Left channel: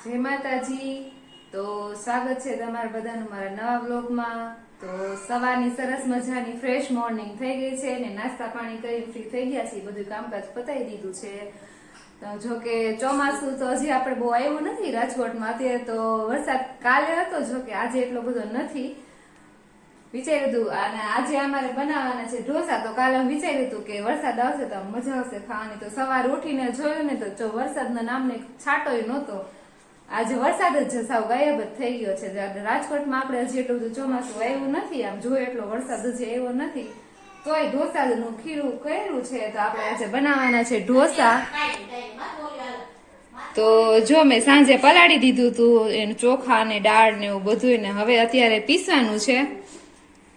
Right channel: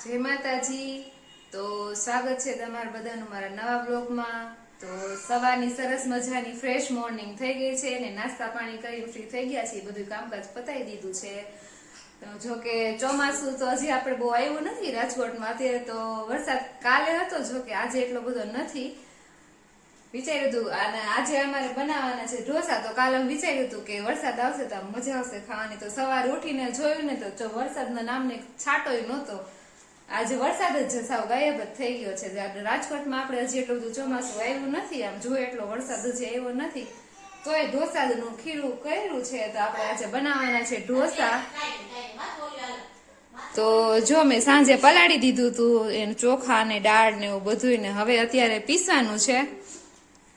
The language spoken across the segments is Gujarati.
જય માતાજી। તો સ્વાગત છે તમારા બધાનું મારા નવા બ્લોગમાં। તો સવારની સરસ મજાની ફ્રેશ મોર્નિંગ થઈ ગઈ છે ને નાસ્તા પાણી કરીને ફ્રી થઈ ગયા છીએ, બધું કામકાજ પતાવી દીધું છે। તો જો કે ચોમાસું તો હજી આપણે બહુ આવ્યું નથી રાજકોટમાં, અત્યારે તો વરસાદ કાલે હતો, જો કે આજે એટલો બધો નથી। વિચાર્યું હતું અને આજે અમારે બનાવવાના છે ઢોસા, તો કાલે વિચાર્યું હતું કે વરસાદ આવશે તો મજા આવશે ખાવાની, તો સવારે ઉઠીને જોયું ને તો વરસાદના નામને છાંટોય નહોતો। આજે વરસાદ જ સાવ ગાયબ જ થઈ ગયો છે। રાજકોટમાં આપણે હજી એટલું બધું ચોમાસું આવ્યું નથી, આમ જોઈએ એટલો વરસાદ હજી આવ્યો નથી, તોય ઢોસાનું ખીરું કર્યું છે। તો આપણે આજે બનાવવાના છે ઢોસા। તો જો મેં સાંજે પલાળી દીધું હતું એનું ચોખા ને દાળ ને એવું બધું, ને હવે અત્યારે પીસવાનું છે।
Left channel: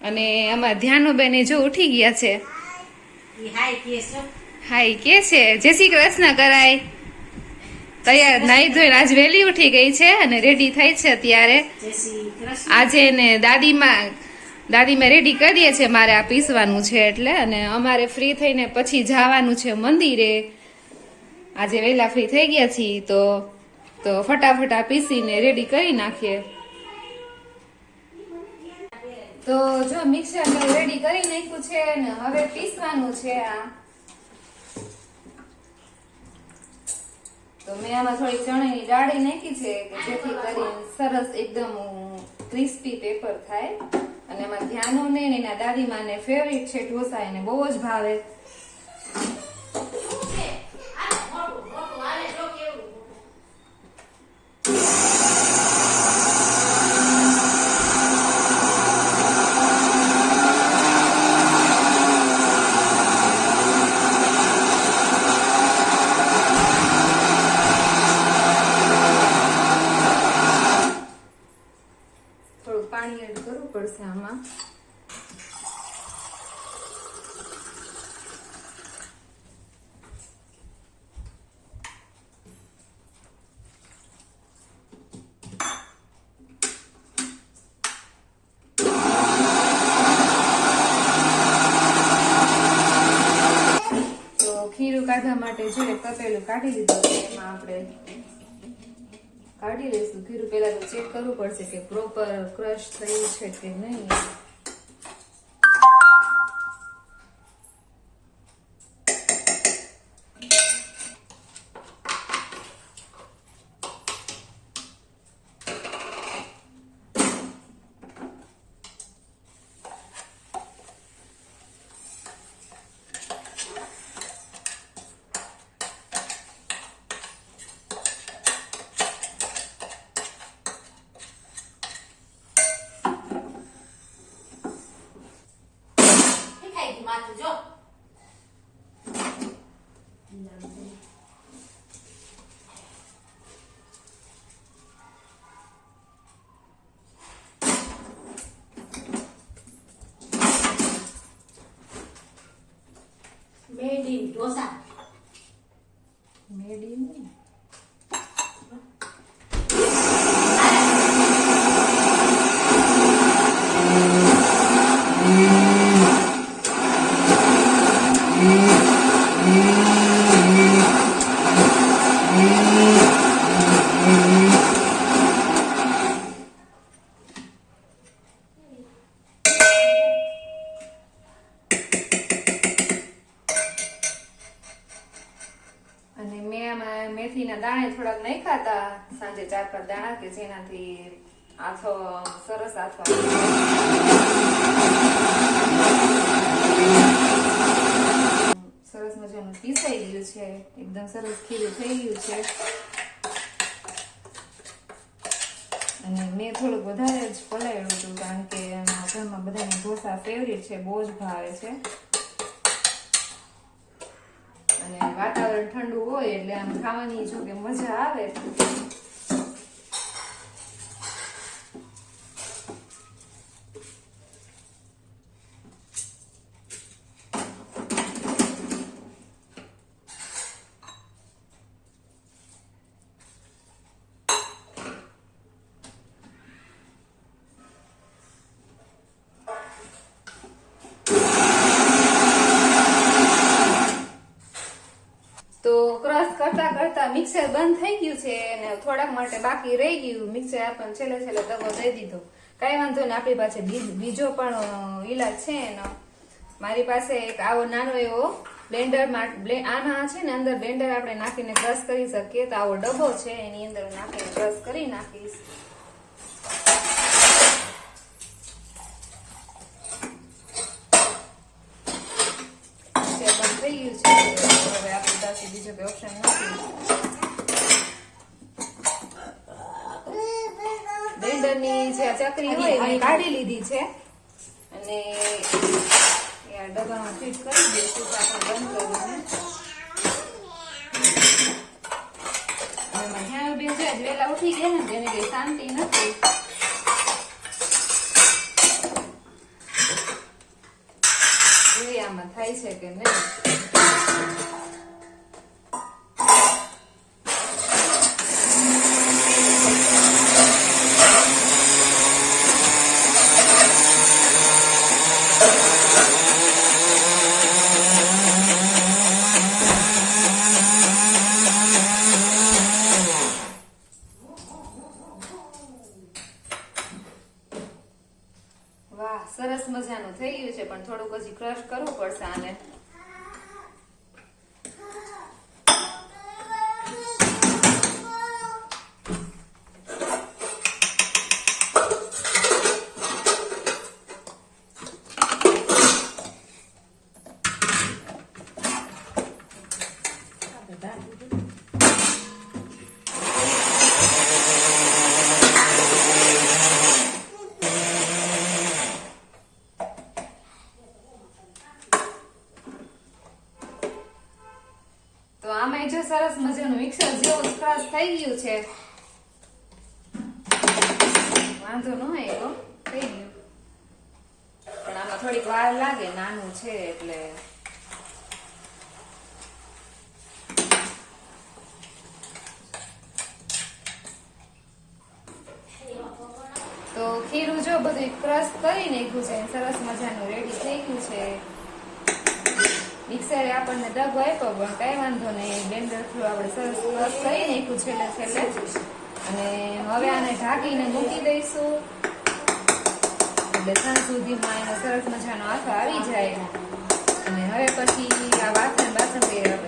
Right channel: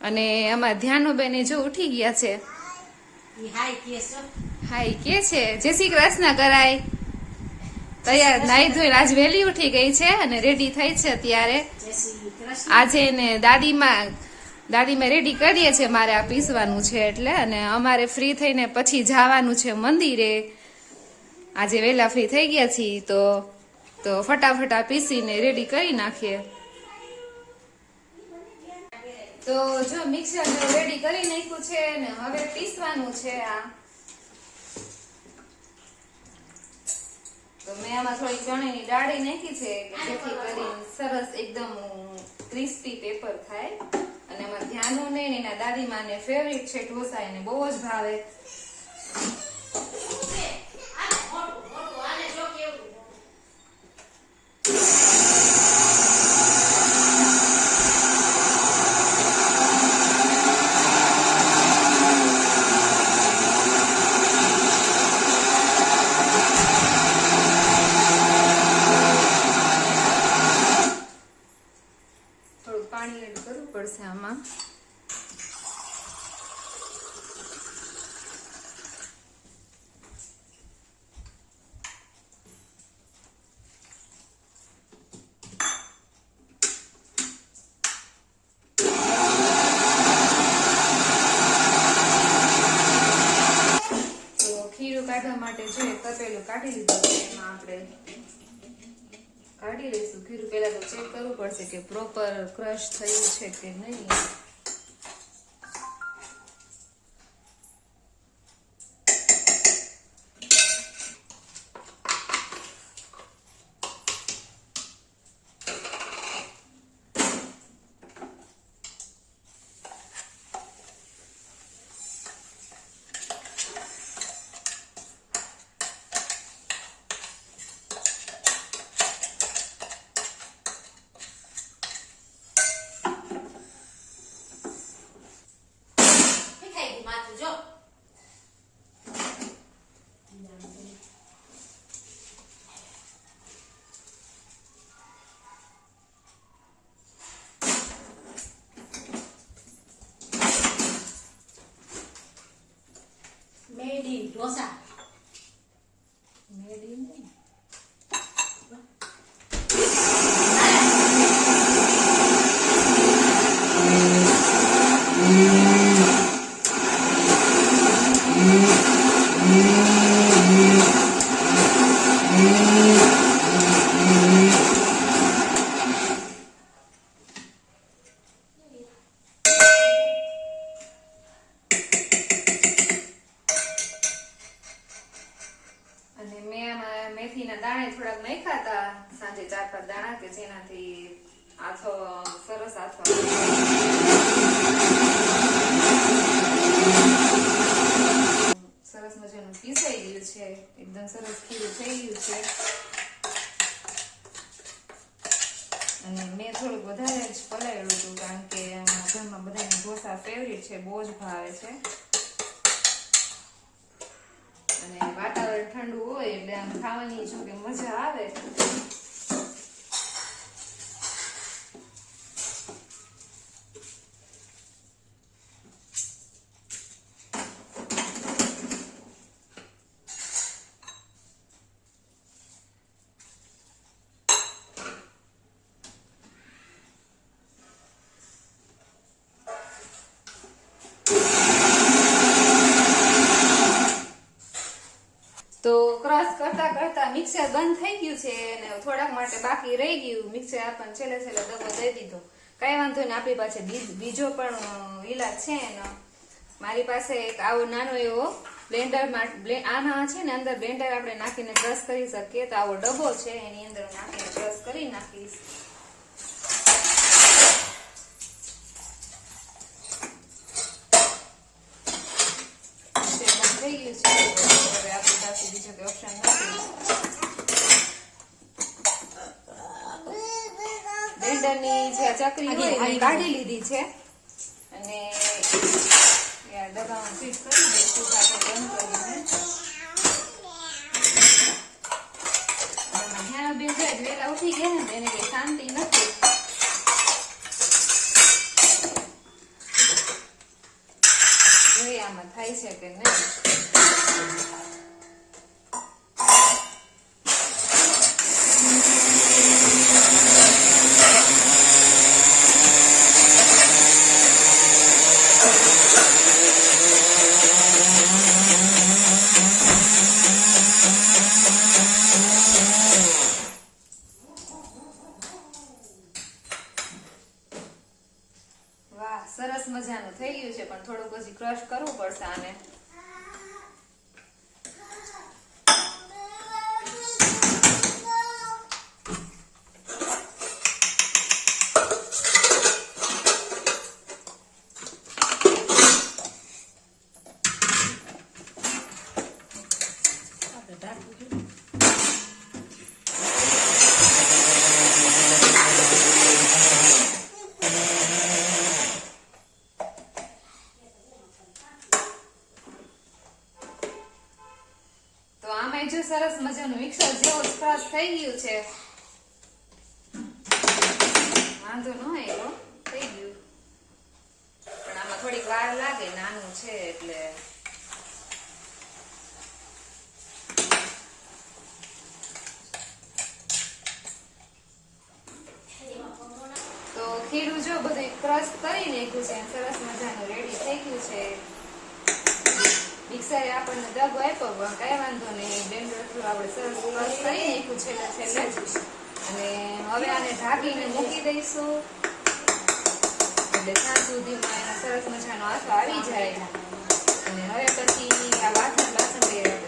અને અમારા ધ્યાનુબેન જો ઉઠી ગયા છે, હાય કે છે જય શ્રી કૃષ્ણ કરાય, તૈયાર નાઈ ધોઈને આજ વહેલી ઉઠી ગઈ છે અને રેડી થઈ છે અત્યારે। આજે ને દાદીમાં રેડી કરીએ છે, મારે આ પીસવાનું છે એટલે, અને અમારે ફ્રી થઈને પછી જવાનું છે મંદિરે। આજે વહેલા ફ્રી થઈ ગયા છીએ તો ફટાફટ પીસીને રેડી કરી નાખીએ। તો જો મિક્સર રેડી કરી નાખ્યું છે ને હવે પીસવાનું છે આ। તો મેં આમાં થોડી ચણાની દાળ નાખી છે કે જેથી કરીને સરસ એકદમ ક્રિસ્પી પેપર થાય। અને એમાં ધ્યાનું ને એના દાદીમાં ને ફેવરિટ છે ઢોસા, એને બહુ જ ભાવે। પાણી એડ કરવું પડશે આમાં। તો ખીરું કાઢવા માટે જે તપેલું કાઢી લીધું છે, એમાં આપણે કાઢી લઈશું ખીરું। પેલા તો ચેક કરવું પડશે કે પ્રોપર ક્રશ થયું છે કે નહીં। મેડી ઢોસા મેડી ને મેથીના દાણા થોડાક નાખ્યા હતા સાંજે, 4-5 દાણા, કે જેનાથી આથો સરસ આથો સરસ મજાનું પીસાઈ ગયું છે, એકદમ સરસ ખીરું થઈ ગયું છે। અને મેં થોડુંક વધારે જ પલાળ્યું હતું કારણ કે એમાં ઘરમાં બધાને ઢોસા ફેવરિટ છે, બહુ જ ભાવે છે। અને વાતાવરણ ઠંડુ હોય એટલે આમ ખાવાની જો કે મજા આવે। કરતા મિક્સર બંધ થઈ ગયું છે અને થોડાક માટે બાકી રહી ગયું. મિક્સર આપણને છેલ્લે દગો દઈ દીધો. કઈ વાંધો ને, આપણી પાસે બીજો પણ ઈલાજ છે એનો. મારી પાસે એક આવો નાનો એવો બ્લેન્ડર આના છે ને અંદર બ્લેન્ડર આપણે નાખીને ક્રશ કરી શકીએ. તો આવો ડબ્બો છે, એની અંદર નાખીને ક્રશ કરી નાખીશ. થઈ ગયું છે. હવે આપણી પાસે બીજો કોઈ ઓપ્શન નથી. બ્લેન્ડરની જે ચકરી હોય એ કાઢી લીધી છે અને ડબ્બામાં ફિટ કરી દઈશું. આપણે બંધ કરીને ધ્યાન બેન છે વેલા ઉઠી ગયા ને એને કઈ શાંતિ નથી. આમાં થાય છે કે નહીં. સરસ મજાનું થઈ ગયું છે, પણ થોડુંક હજી ક્રશ કરવું પડશે આને. આમાં જો સરસ મજાનું મિક્સર જેવો ક્રશ થઈ ગયું છે. વાંધો ન આવ્યો, થઈ ગયું. પણ આમાં થોડીક વાર લાગે, નાનું છે એટલે. તો ખીરું જો બધું ક્રશ કરી નાખ્યું છે, સરસ મજાનું રેડી થઈ ગયું છે. મિક્સરે આપણને દગો આપ્યો પણ કઈ વાંધો નહીં. બ્લેન્ડર થ્રુ આપણે સરસ ક્રશ કરી નાખ્યું છેલ્લે. અને હવે આને ઢાંકીને મૂકી દઈશું એટલે સાંજ સુધીમાં એને સરસ મજાનો આથો આવી જાય. અને હવે પછી આ વાસણ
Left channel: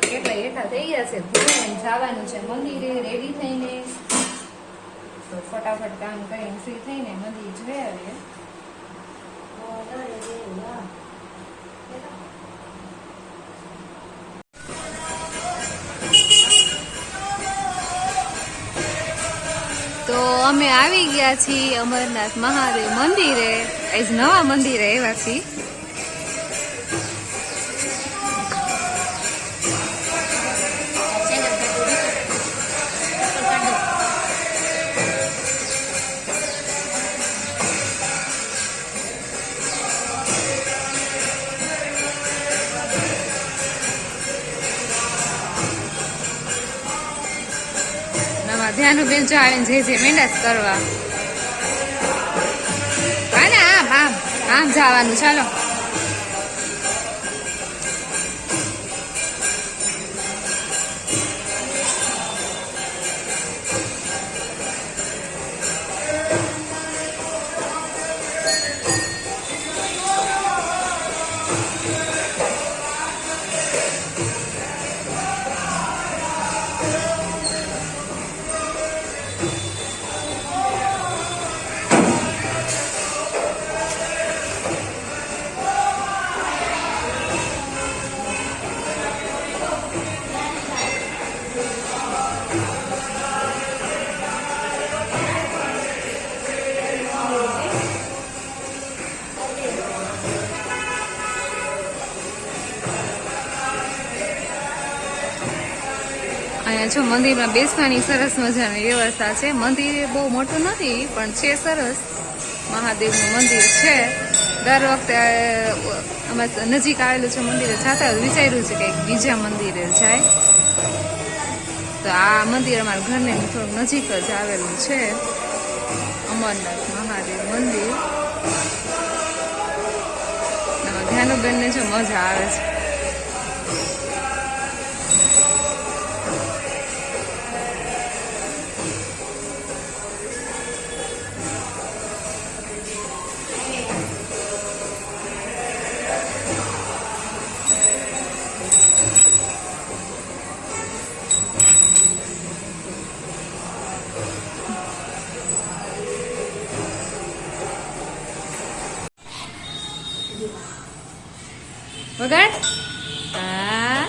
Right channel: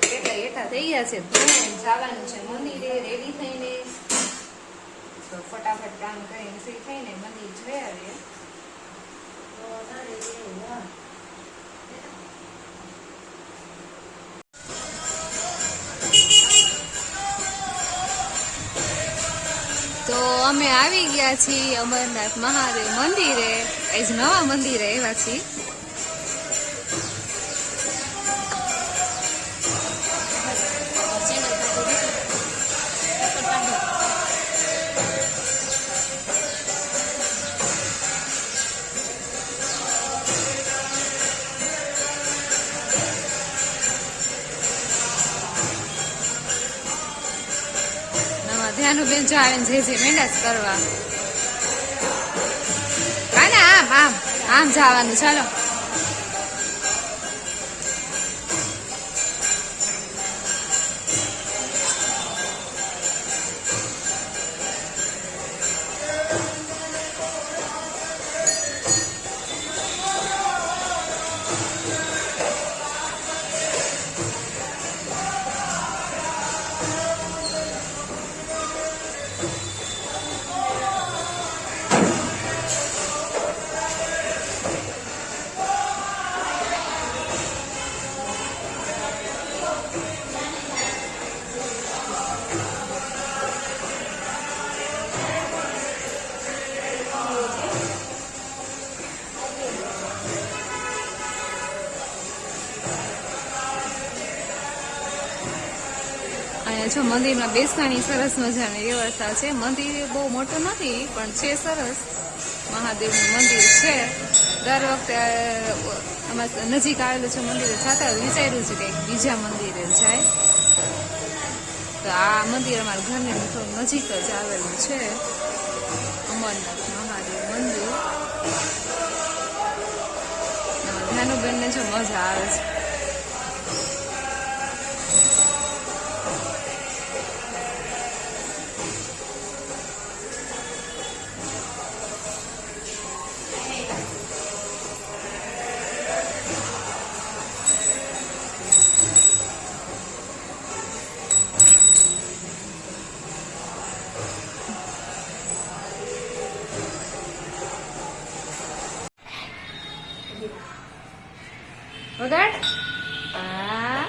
કેટલા હેઠા થઈ ગયા છે, ધોઈને જવાનું છે મંદિરે રેડી થઈને. તો ફટાફટ કામ કરીને ફ્રી થઈને મંદિર જઈ આવીએ. તો અમે આવી ગયા છીએ અમરનાથ મહાદેવ મંદિરે. આજ નવા મંદિરે આવ્યા છીએ. ધ્યાન બેન ચાલીને જઈ મહેનત કરવા. આમ જવાનું. ચાલો અહીંયા જો મંદિરમાં બેસવાની સરસ મજાની વ્યવસ્થા છે. મંદિર બહુ મોટું નથી પણ છે સરસ. મહાદેવનું મંદિર છે. દર વખતે આમાં નજીક આવેલું છે મંદિરે જતા વિચાર્યું છે કે બીજા મંદિરે જાય. તો આ મંદિર અમારા ઘરને થોડુંક નજીક જ આવેલું છે, અમરનાથ મહાદેવ મંદિર. ધ્યાનુબેનને જો મજા આવે છે. વગાડ. હા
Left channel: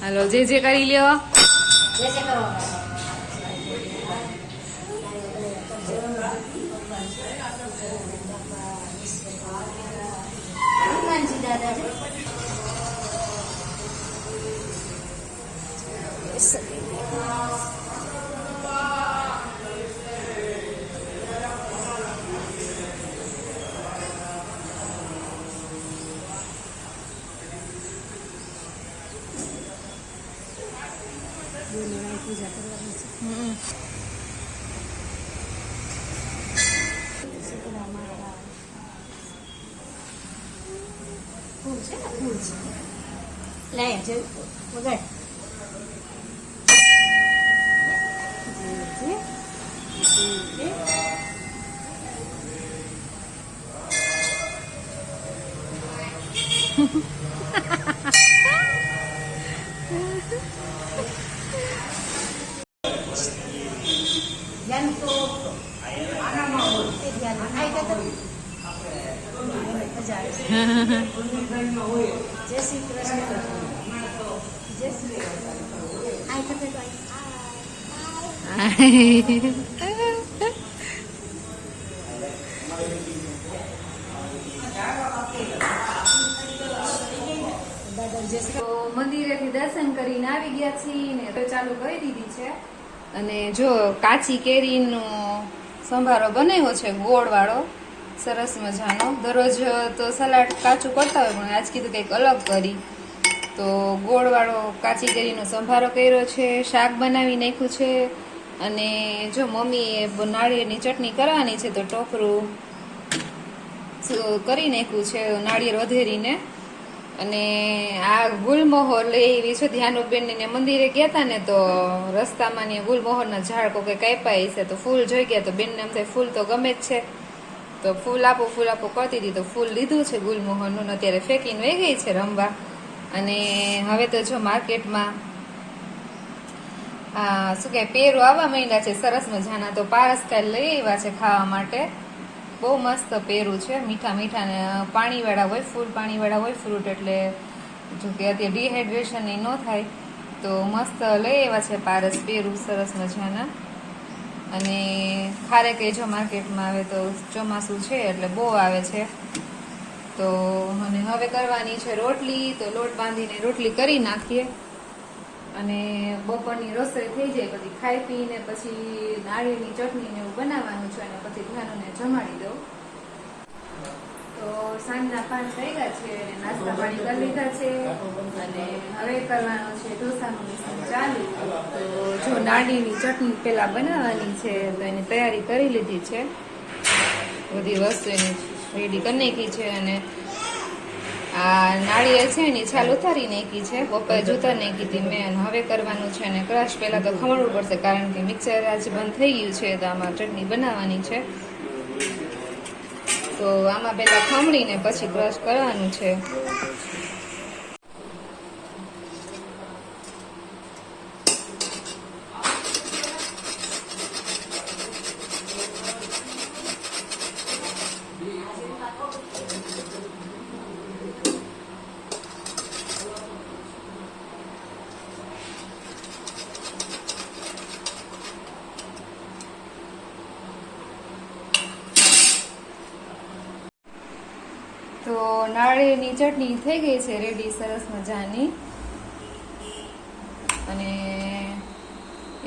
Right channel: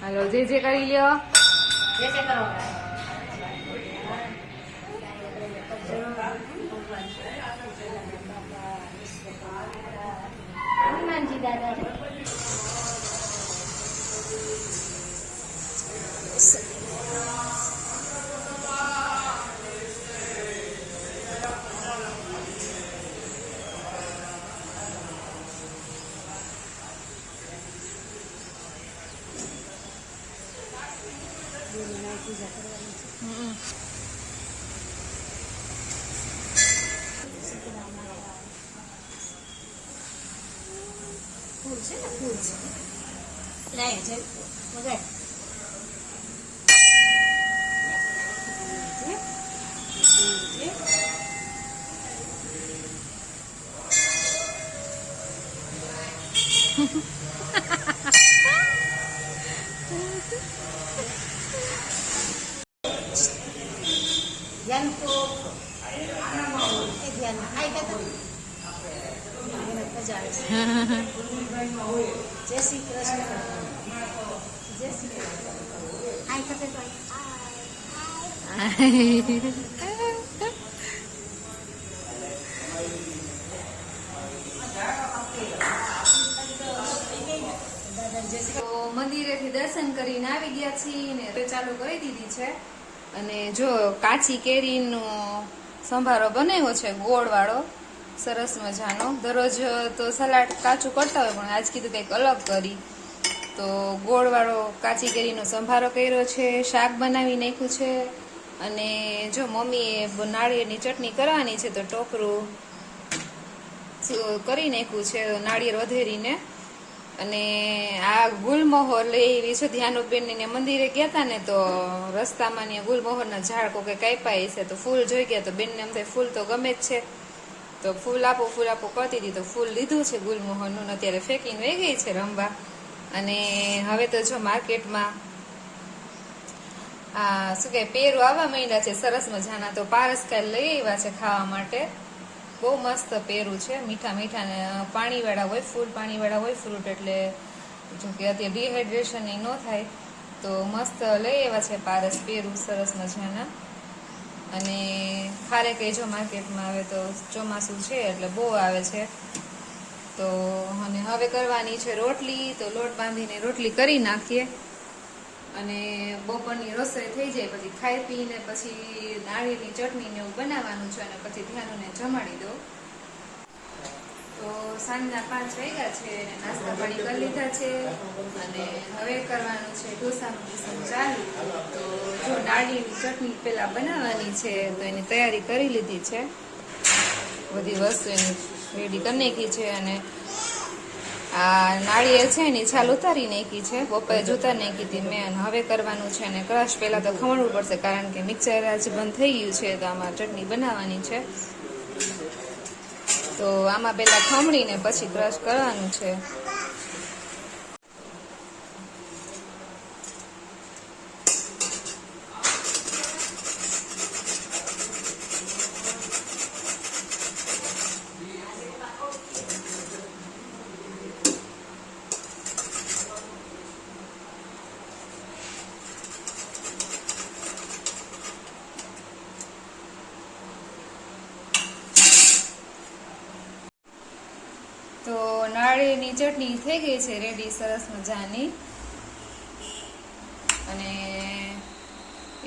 હાલો જે કરી લ્યો. ફૂલ છે ને ફૂલ છે લાય છે વગર ધ્યાન તો આનામાં હોય ધ્યાન આઈ જય શ્રી કૃષ્ણ જય શ્રી તો મંદિરેથી દર્શન કરીને આવી ગયા છીએ ને તો ચાલુ કરી દીધી છે. અને જો કાચી કેરીનો સંભારો બનાવ્યો છે ગોળ વાળો સરસ મજાનો. દરરોજ તો સલાડ કાચું કરતા હોય પણ આજ કીધું કંઈક અલગ કરી તો ગોળ વાળો કાચી કેરીનો સંભારો કર્યો છે. શાક બનાવી નાખ્યું છે. અને જો મમ્મીએ નાળિયેરની ચટણી કરવાની છે તો ટોપરું કરી નાખ્યું છે નાળિયેર વધેરીને. અને આ ગુલમોહર લઈ એવી છે. ધ્યાનુબેન ને મંદિરે ગયા હતા ને તો રસ્તામાં ને ગુલમોહરના ઝાડ કોઈ કાપ્યા છે તો ફૂલ જોઈ ગયા તો બેનને એમ થાય ફૂલ તો ગમે જ છે તો ફૂલ આપો કરતી હતી તો ફૂલ લીધું છે ગુલમોહરનું. અત્યારે ફેંકીને વહી ગઈ છે રમવા. અને હવે તો જો માર્કેટમાં શું કે પેરો આવવા માંડ્યા છે સરસ મજાના. તો પારસ કાલ લઈ આવ્યા છે ખાવા માટે. બહુ મસ્ત પેરું છે મીઠા મીઠા ને પાણીવાળા હોય ફૂલ પાણીવાળા હોય ફ્રૂટ એટલે જો કે અત્યારે ડિહાઇડ્રેશન ન થાય તો મસ્ત લઈ આવ્યા છે પારસ પેરું સરસ મજાના. અને ખારેક એ જો માર્કેટમાં આવે તો ચોમાસું છે એટલે બહુ આવે છે. તો અને હવે કરવાની છે રોટલી. તો લોટ બાંધીને રોટલી કરી નાખીએ અને બપોરની રસોઈ થઈ જાય પછી ખાઈ પીને પછી નાળિયેરની ચટણી ને એવું બનાવવાનું છે અને પછી ધ્યાનને જમાડી દો. તો સાંજના 5 વાગ્યા છે અને નાસ્તા પાણી કરી લીધા છે અને હવે કરવાનું છે ઢોસાનું મિશ્રણ ચાલુ. તો જો નાળિયેરની ચટણી પેલા બનાવવાની છે તો એની તૈયારી કરી લીધી છે. બધી વસ્તુ એની રેડી કરી નાખી છે. અને આ નાળિયેર છે એની છાલ ઉતારી નાખી છે બપોરે જ ઉતારી નાખી હતી મેં. હવે કરવાનું છે અને ક્રશ પહેલા તો ખમણવું પડશે કારણ કે મિક્સર આજ બંધ થઈ ગયું છે તો આમાં ચટણી બનાવવાની છે. તો આમાં પહેલા ખમણીને પછી ક્રશ કરવાનું છે. તો નાળિયેરની ચટણી થઈ ગઈ છે રેડી સરસ મજાની. અને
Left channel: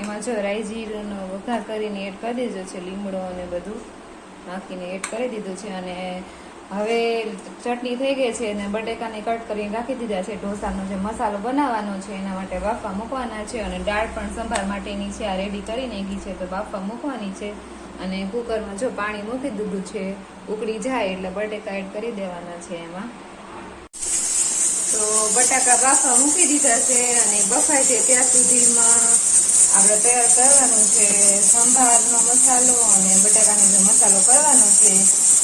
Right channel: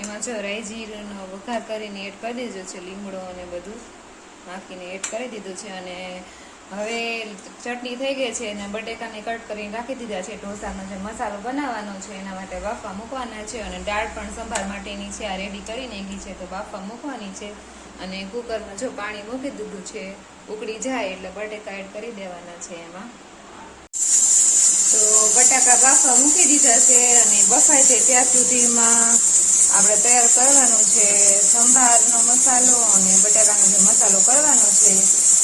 એમાં જો રાઈ જીરુંનો વઘાર કરીને એડ કરી દીધો છે. લીમડો અને બધું નાખીને એડ કરી દીધું છે. અને હવે ચટણી થઈ ગઈ છે અને બટેકાને કટ કરીને રાખી દીધા છે. ઢોસાનો જે મસાલો બનાવવાનો છે એના માટે બાફવા મૂકવાના છે. અને દાળ પણ સંભાર માટેની છે આ રેડી કરી નાખી છે તો બાફવા મૂકવાની છે. અને કુકરમાં જો પાણી મૂકી દીધું છે ઉકળી જાય એટલે બટેકા એડ કરી દેવાના છે એમાં. તો બટાકા બાફવા મૂકી દીધા છે અને બફાય છે ત્યાં સુધીમાં આપણે તૈયાર કરવાનું છે સંભારનો મસાલો અને બટાકાનો જે મસાલો કરવાનો છે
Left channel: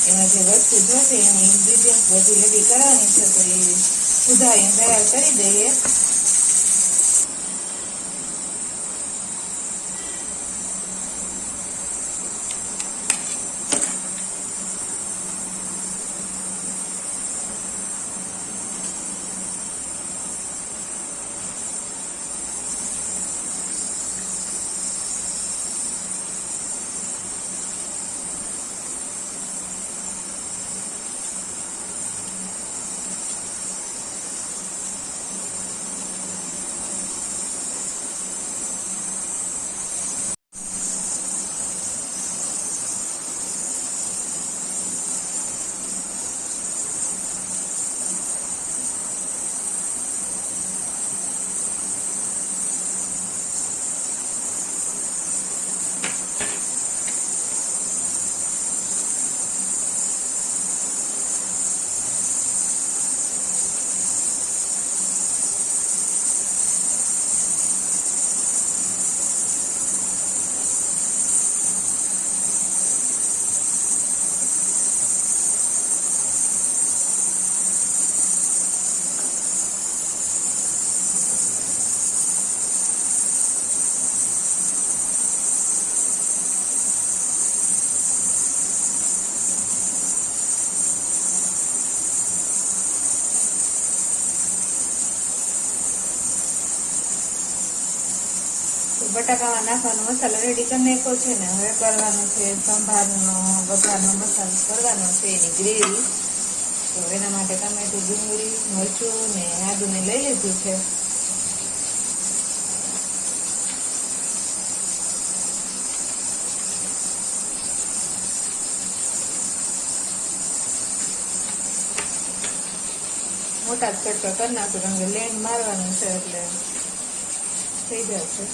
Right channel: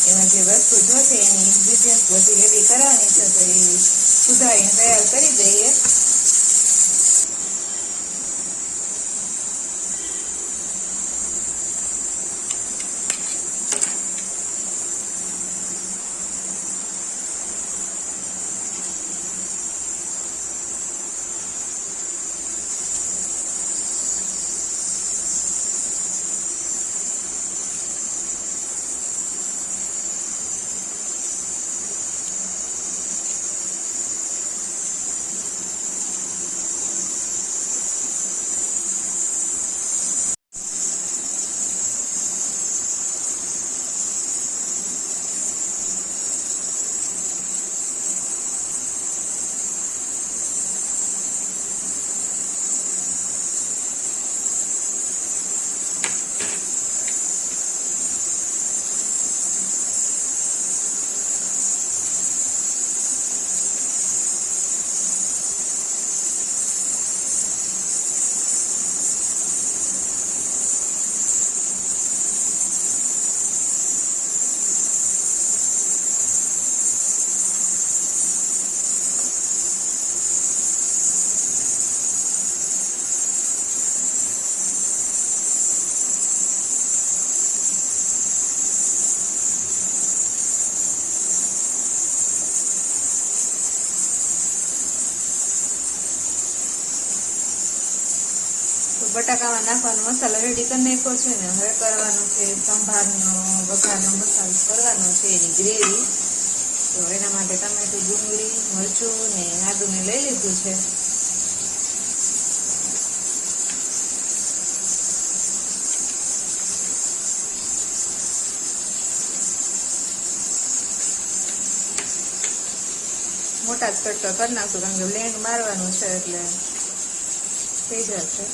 એના જે વસ્તુ જોશે એની ઇન્ગ્રીડિયન્ટ બધી રેડી કરવાની છે તો એ સુધારીને તૈયાર કરી દઈએ. બટાકામાં નાખવાનો મસાલો રેડી કરી નાખ્યો છે ને હવે કરવાનો છે સંભારનો વઘારનો મસાલો કરવાનો છે એની ગ્રેવી. તો એના માટે ટમેટું, ડુંગળી, મરચું ને આદુને લઈ લીધું છે. મોટા કટકા કરી નાખું કેમ કે લેંગ મારવાનું છે એટલે થઈ જશે.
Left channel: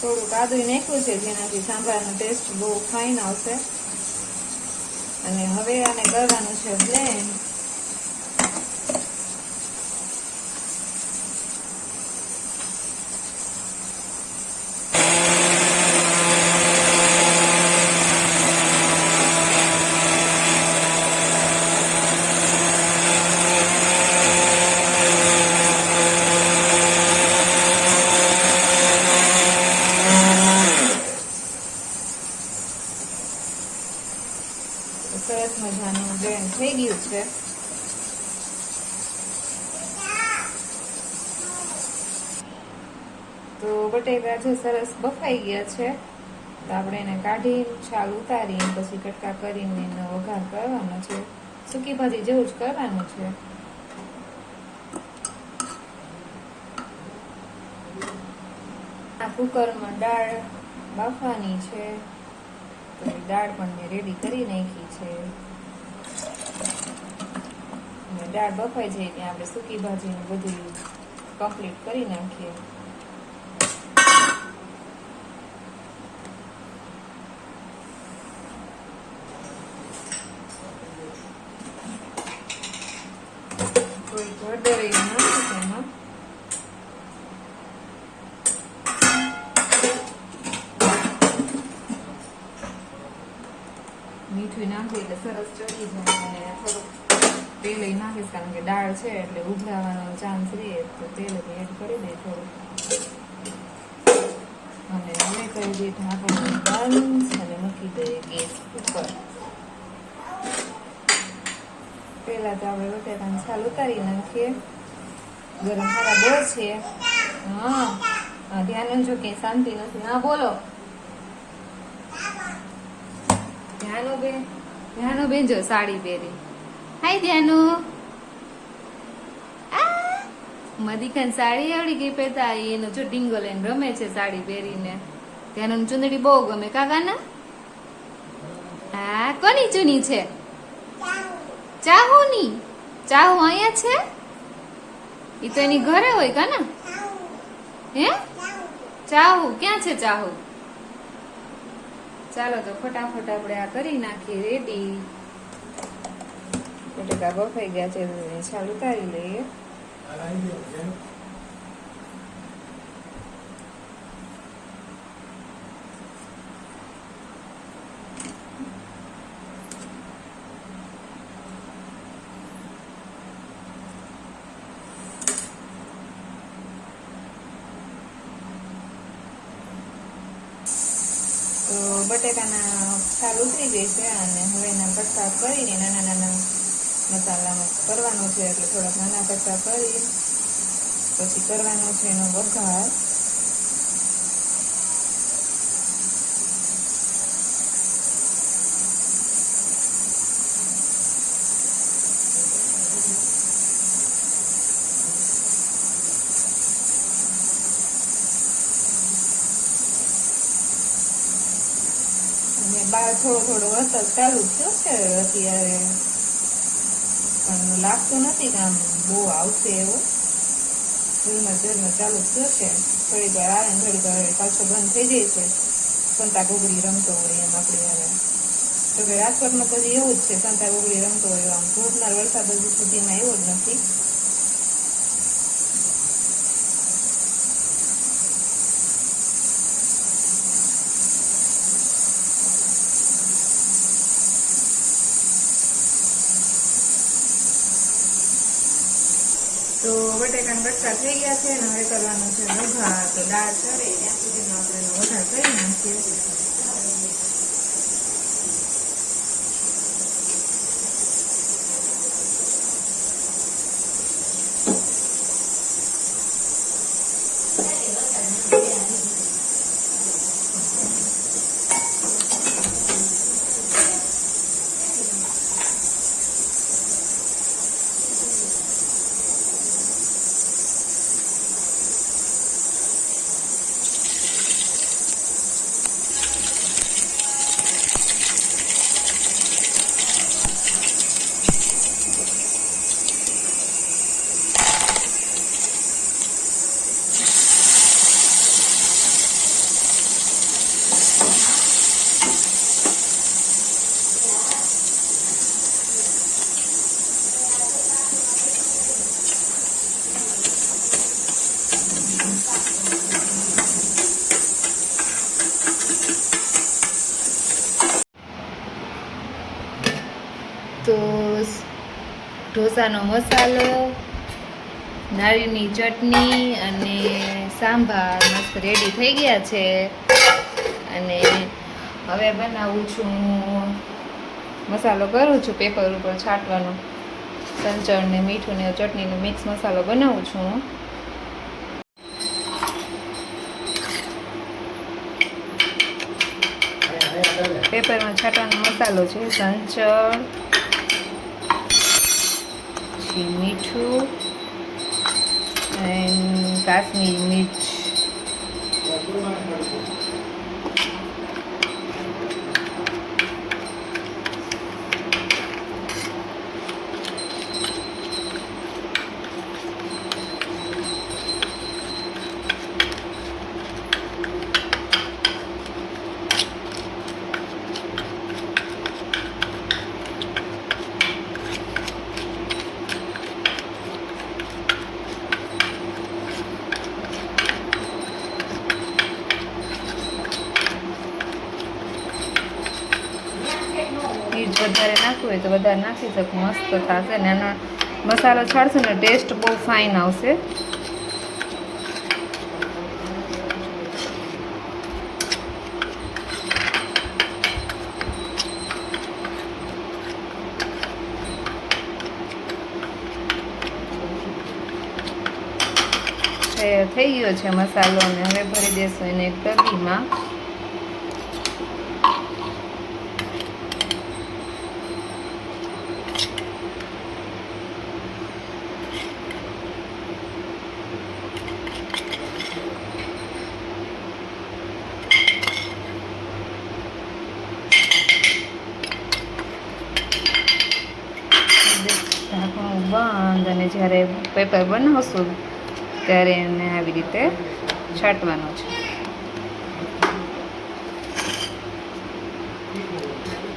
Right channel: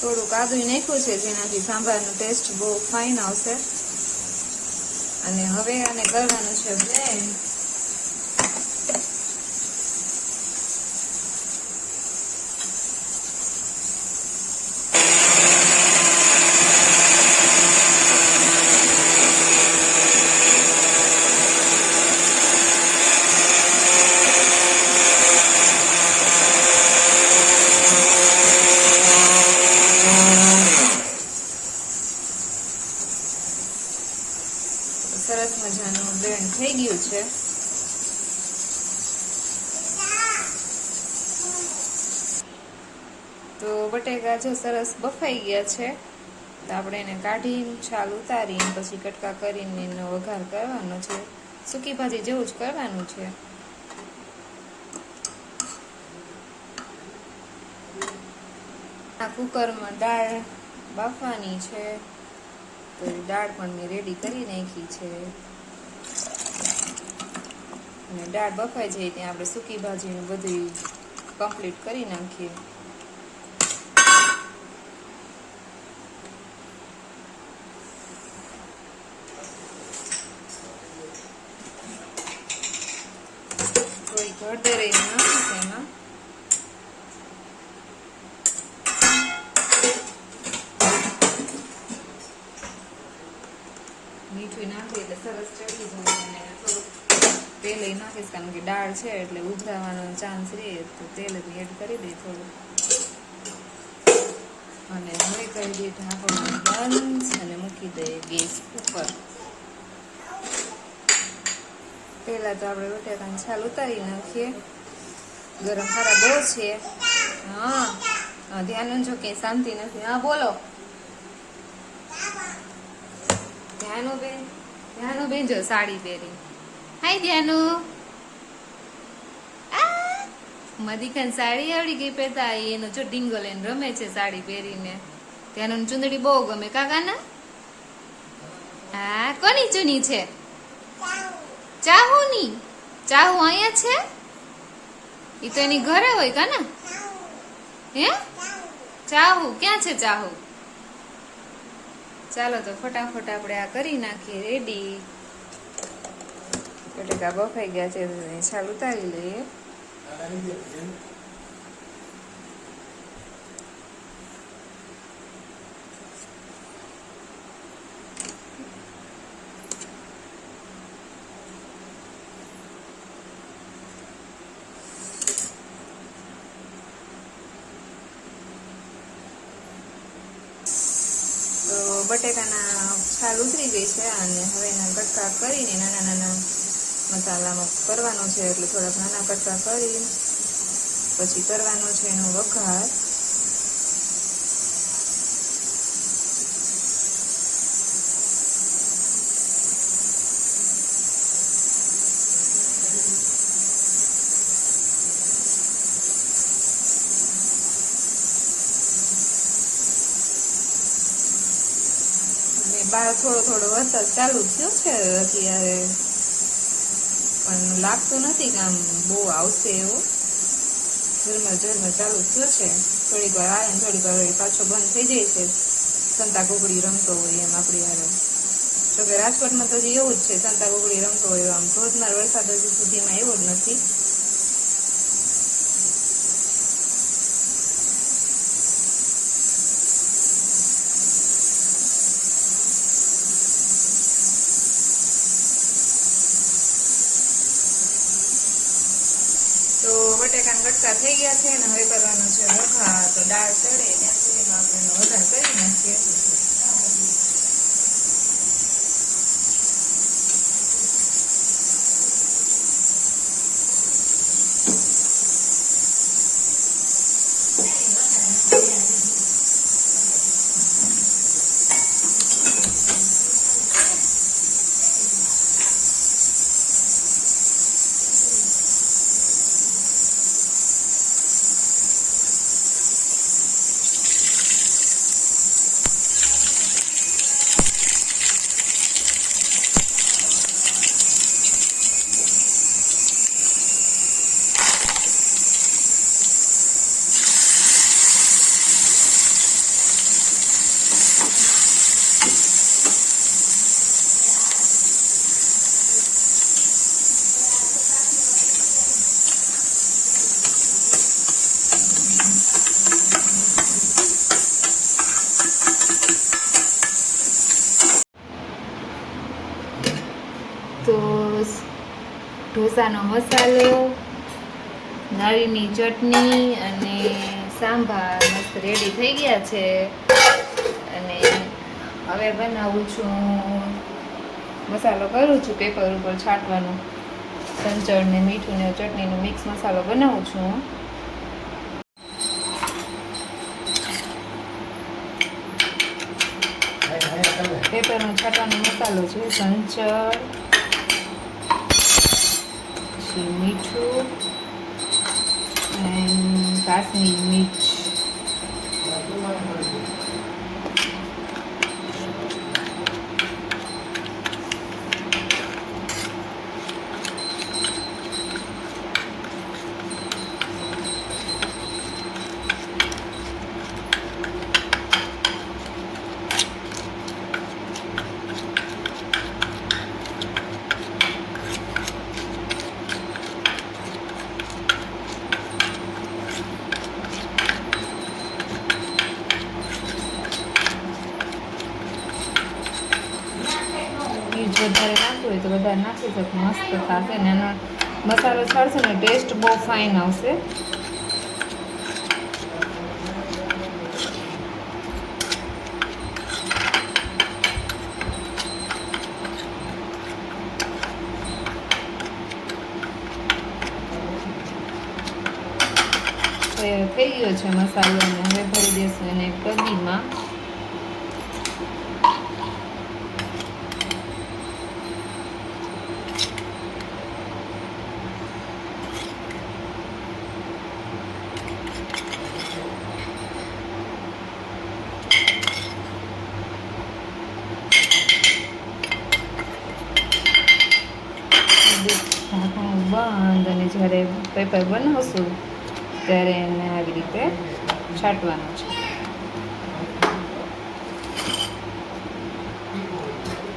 થોડુંક આદુ નાખ્યું છે જેનાથી સાંભારનો ટેસ્ટ બહુ ફાઇન આવશે. અને હવે આને કરવાનું છે બ્લેન્ડ. સરસ મજાનું બ્લેન્ડ થઈ ગયું છે. તો બટેકા છે સરસ બફાઈ ગયા છે. તો આપણે એને કાઢીને છાલ ઉતારીને પછી કટકા કરીને એનો વઘાર કરવાનો છે. સૂકી ભાજી જેવું જ કરવાનું છે. આ કુકરમાં દાળ બાફવાની છે. તો દાળ પણ મેં રેડી કરી નાખી છે. અને દાળ બફાઈ જાય ત્યાં આપણે સૂકી ભાજીને બધું કમ્પ્લીટ કરી નાખીએ. થોડીક હળદર એમાં મીઠું નાખી એટલે સરસ ચડી જાય. અને થોડુંક તેલ નાખીશ કારણ કે દાળ છે એટલે ઉભરાવાનો ચાન્સ રહે. તો તેલ એડ કરી દે થોડું. અને હવે કરી દઈએ ઢાંકણ બંધ અને મૂકી દઈએ ગેસ ઉપર. પહેલા તો આપણે બટાકાની છાલ ઉતારી નાખીએ. ગરમ ખરા બહુ છે. હા ધ્યાન રાખજો કે શાંતિ નથી. હા બોલો ધ્યાનો બેન જો સાડી પહેરી. હાય ધ્યાનો. મદીખાન સાડી આવડી ગઈ પહેરતા. એનો જો ડીંગો લઈને રમે છે સાડી પહેરીને. ધ્યાનો ચુંદડી બહુ ગમે કાકાના. હા કોની ચૂની છે? ચાહુની. ચાહુ અહીંયા છે? ઈ તો એની ઘરે હોય કાના. હે ચાહુ ક્યાં છે? ચાહુ ચાલો તો ફટાફટ આપણે આ કરી નાખીએ રેડી. બટેકા બફાઈ ગયા છે છાલ ઉતારી લઈએ. તો બટેકાના છાલ ઉતરી ગઈ છે અને હવે એના કટકા કરીને નાના નાના મસાલામાં કરવાનો છે. એટલે થોડાક નાના કટકા કરી પછી કરવાનો છે એનો વઘાર. બાર થોડો થોડો વરસાદ ચાલુ થયો છે અત્યારે, પણ લાગતું નથી કે આમ બહુ આવશે એવું. જોરમાં ચાલુ થયો છે. થોડીક વાર આવે ને થોડીક વાર પાછો બંધ થઈ જાય છે. સંતા ગોગડી રમતો હોય એમ આપણી વારે. તો કે રાજકોટમાં તો હજી એવું જ છે, સંતા ગોગડી રમતો હોય. આમ ધોધમાર વરસાદ હજી સુધીમાં એવો જ નથી. તો બટેકાના કટકા થઈ ગયા છે ને હવે કરવાનું છે વઘાર. તો દાળ ચડે ત્યાં સુધીમાં આપણે એનો વઘાર કરી નાખીએ. તો ઢોસાનો મસાલો, નાળીની ચટણી અને સાંભાર મસ્ત રેડી થઈ ગયા છે. અને હવે બનાવું છું, મસાલો કરું છું પેપર ઉપર છાંટવાનો. સંચળ ને મીઠું ને ચટણીનો મિક્સ મસાલો બનાવું છું. પેપરમાં છાંટવાનો મસાલો છે સંચળ, પછી મીઠું અને કાશ્મીરી મિર્ચ. વધારે નાખવું હોય તો વધારે નાખી શકો, મસ્ત થશે. અને એનો મસાલો છાડશો ને ટેસ્ટ બહુ ફાઇન આવશે. થઈ ગયો છે મસાલો અને હવે ભરી દેશું એને કઢીમાં. બંધ અને જ્યારે પેપર બનાવશું ત્યારે એને આવી રીતે છાંટવાનું છે.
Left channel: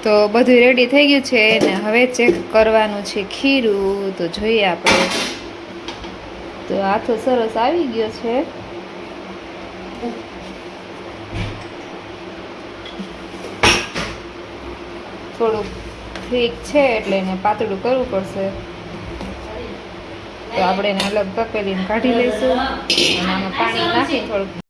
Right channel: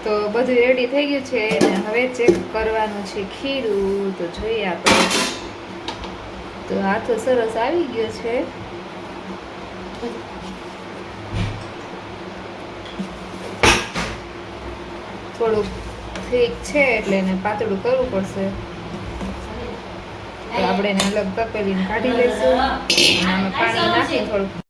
તો બધું રેડી થઈ ગયું છે ને હવે ચેક કરવાનું છે ખીરું. તો જોઈએ આપણે. તો આથો સરસ આવી ગયો છે. થોડુંક ઠીક છે એટલે એને પાતળું કરવું પડશે. તો આપણે એને અલગ તપેલીને કાઢી લઈશું અને આમાં પાણી નાખી થોડુંક